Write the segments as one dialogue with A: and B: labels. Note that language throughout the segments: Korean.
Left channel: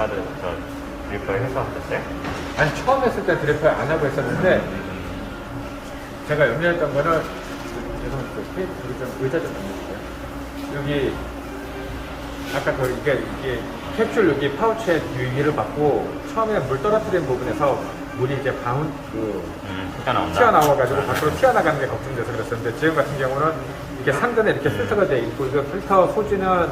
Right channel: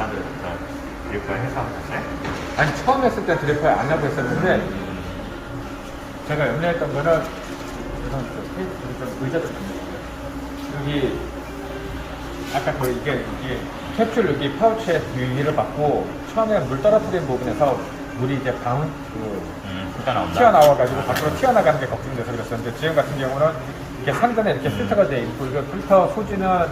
A: 다들 저 드리퍼 해서 하셨어요?
B: 아니 처음 했을 때 드리퍼를 안 하고 했었는데 제가 염려했던 거는 우선 그 페이스 좀 의자 좀 있어요. 여기 아까 그 이게 이게 캡슐 여기 파우치에 유의를 받고 처음에 물 떨어뜨린 부분에서 물이 이제 바운 그
A: 음, 잠깐 나온다.
B: 튀어나와가지고 밖으로 튀어나가는 게 걱정돼서 그랬었는데 지금 같은 경우는 이렇게 상단에 이렇게 필터가 돼 있고 이거 필터 소주는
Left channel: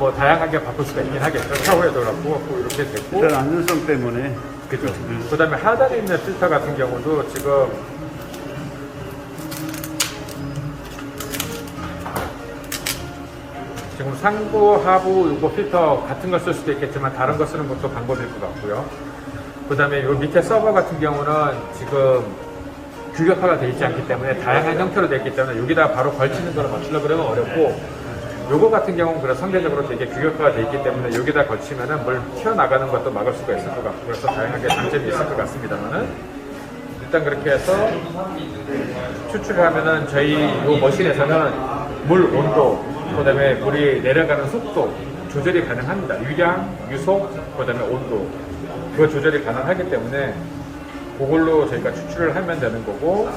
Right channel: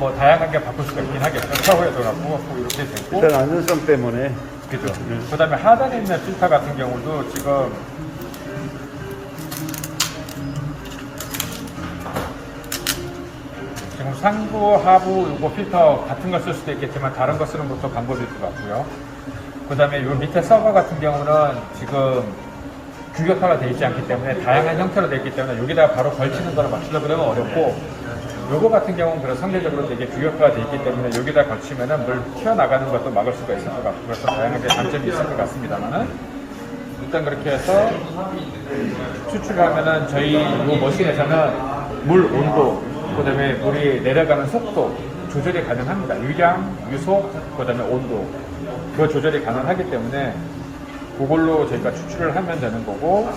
B: 뭐 다양하게 바꿀 수가 있긴 하겠죠. 샤워에도 갖고 이렇게 되고
C: 일단 안전성 때문에
B: 그죠. 그 다음에 하단에 있는 필터 같은 경우도 지금 지금 상부, 하부 이거 필터 같은 거쓸 수도 있겠지만 다른 거 쓰는 것도 방법일 것 같고요. 그 다음에 이 밑에 서버 같은 경우는 지금 규격화가 되어 있지 않기 때문에 다양한 형태로 되어 있기 때문에 여기다 바로 걸치는 거를 맞추려고 그러면 어렵고 요거 같은 경우는 그래서 상대적으로 되게 규격화가 되어 있기 때문에 여기다 걸치면은 물 튀어나가는 것도 막을 수가 있을 것 같고 그래서 다양하게 장점이 있을 것 같습니다만은 일단 그렇게 해서 추출하면은 저희 이 머신에서는 물 온도, 그 다음에 물이 내려가는 속도 조절이 가능합니다. 유량, 유속, 그 다음에 온도. 그 조절이 가능하기 때문에 그걸로 저희가 추출을 하면 되는 거고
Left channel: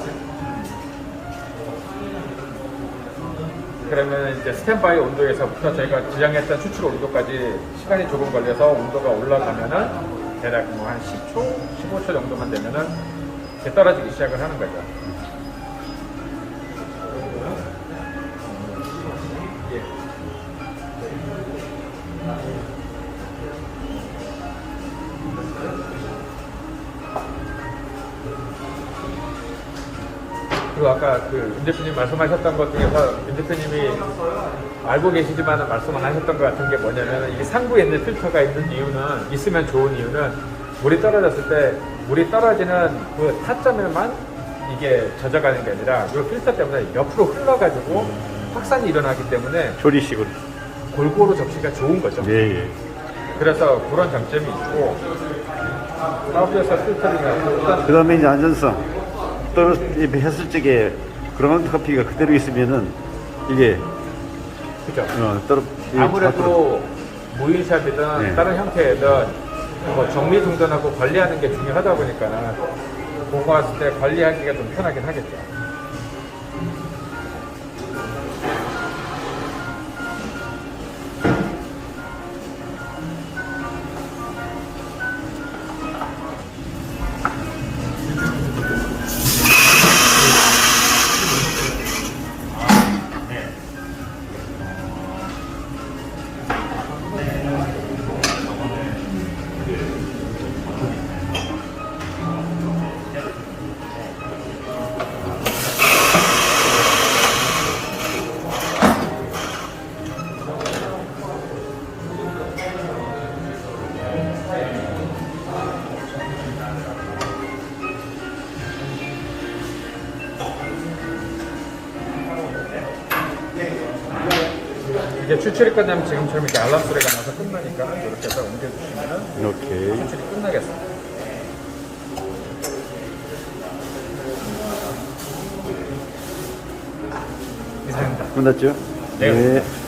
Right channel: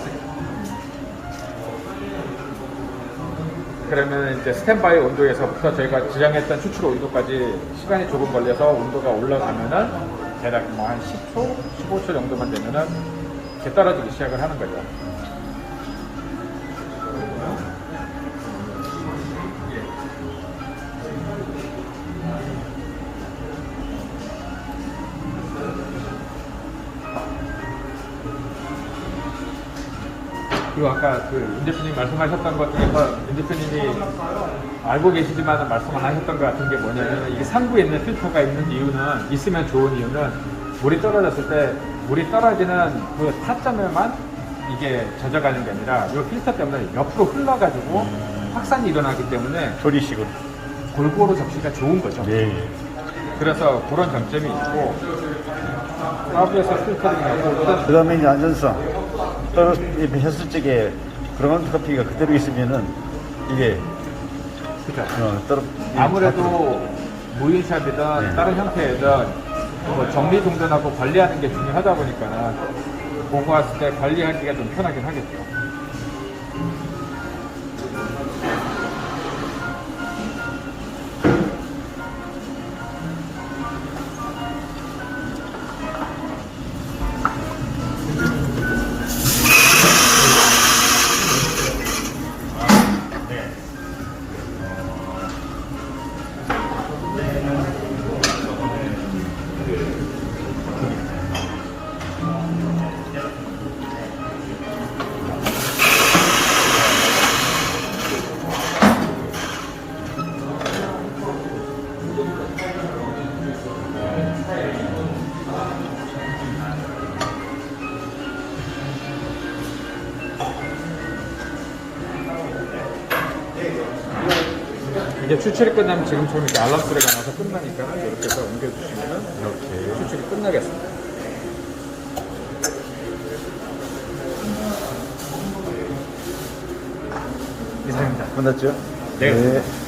B: 그러면 이제 스탠바이 온도에서부터 저희가 지정했던 추출 온도까지 시간이 조금 걸려서 온도가 올라가면은 대략 뭐 한 10초, 15초 정도만 되면은 이제 떨어지기 시작을 하는 거죠. 그리고 아까 그윤 대표님 말씀하셨던 것 중에서 윤 대표님이 알고 계시지만 말씀 안 하셨던 것 같은 게 뭐냐면 이 상부에 있는 필터가 있는 이유는 있으면 좋은 이유는 물이 떨어졌을 때 물이 떨어지는 그 타점에만 이게 젖어가는 게 아니라 이 필터 때문에 옆으로 흘러가지고 확산이 일어나기 때문에
C: 조리식으로.
B: 골고루 접시가 좋은 거죠.
C: 예, 예.
B: 그래서 그런 장점이 있고 더블에서 필터를
C: 잘그 다음에 이제 안전성. 떨어, 했을 적에 그런 커피가 그대로 있으면은 이게,
B: 그죠.
C: 어, 떨어.
B: 아무래도 무인샵이든
C: 네.
B: 다른 형태든 뭐 정리정돈하고 관리하는 게 중요하다 보니까는 보고 왔을 때 관리하기가 좀 편하긴 하겠죠. 이제 추출이 끝나면 지금처럼 이제 알람 소리가 나서 끝나니까 이렇게 해서 옮겨주시면
C: 오케이.
B: 추출이 끝나겠습니다. 이상입니다.
C: 끝났죠?
B: 네.
C: 네.